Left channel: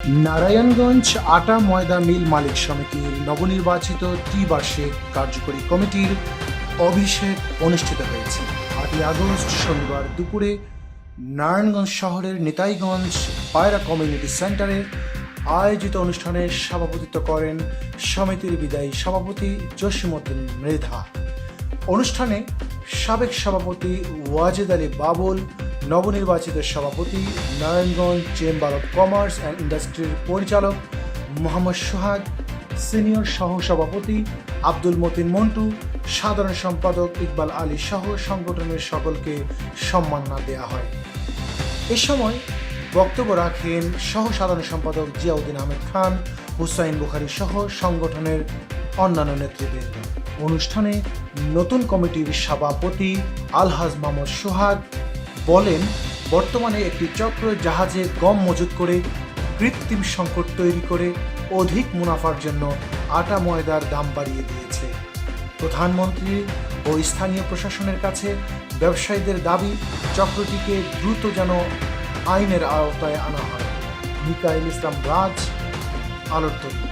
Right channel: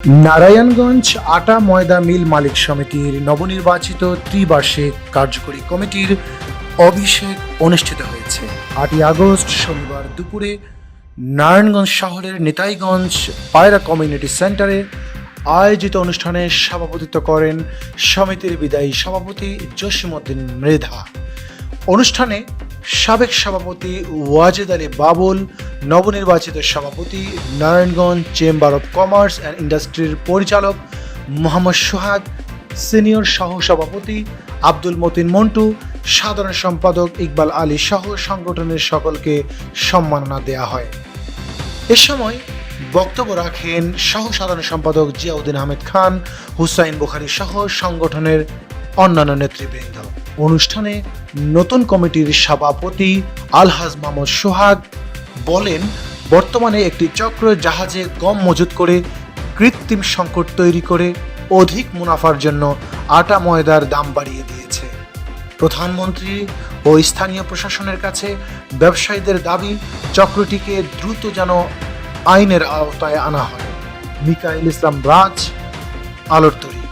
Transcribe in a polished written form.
নারায়ণগঞ্জ আটা ময়দা মিল মালিক সমিতির নবনির্বাচিত ত্রিবার্ষিক কার্যকরী কমিটির অভিষেক অনুষ্ঠিত হয়েছে 8ই আগস্ট শনিবার দুপুরে নারায়ণগঞ্জ শহরের নিতাইগঞ্জ পায়রা কমিউনিটি সেন্টারে আয়োজিত অনুষ্ঠানে সভাপতিত্ব করেন সমিতির বিদায়ী সভাপতি জসিমউদ্দিন মৃধা। অনুষ্ঠানে সাবেক সভাপতি ওয়াজেদ আলী বাবুল, নবনির্বাচিত সভাপতি Narayanganj chamber of commerce and ইন্ডাস্ট্রির পরিচালক মোহাম্মদ সোহাগ, সিনিয়র সহ সভাপতি আব্দুল মতিন মন্টু, সাধারণ সম্পাদক ইকবাল আলী সহ সংগঠনের সকলকে সম্মাননা দেয়া হয়। এ সময় বক্তব্য রাখেন সহ সাধারণ সম্পাদক জিয়াউদ্দিন আহমেদ খান, হুসাইন বুখারী সহ সংগঠনের অন্যান্য নেতৃবৃন্দ। অনুষ্ঠানে নতুন কমিটির সভাপতি আলহাজ মোহাম্মদ সোহাগ বলেন, বর্তমানে একটি চক্র জাহাজে গম মজুত করে কৃত্রিম সংকট তৈরি করে অধিক মুনাফার জন্য আটা ময়দার দাম বাড়িয়ে দিয়েছে। প্রধানমন্ত্রী ও স্থানীয় প্রশাসনের কাছে ব্যবসায়ীদের দাবি, চক্রটিকে দ্রুত যেন আইনের আওতায় আনা হয়। মিকাইল ইসলাম রাজ, আলোর তরী।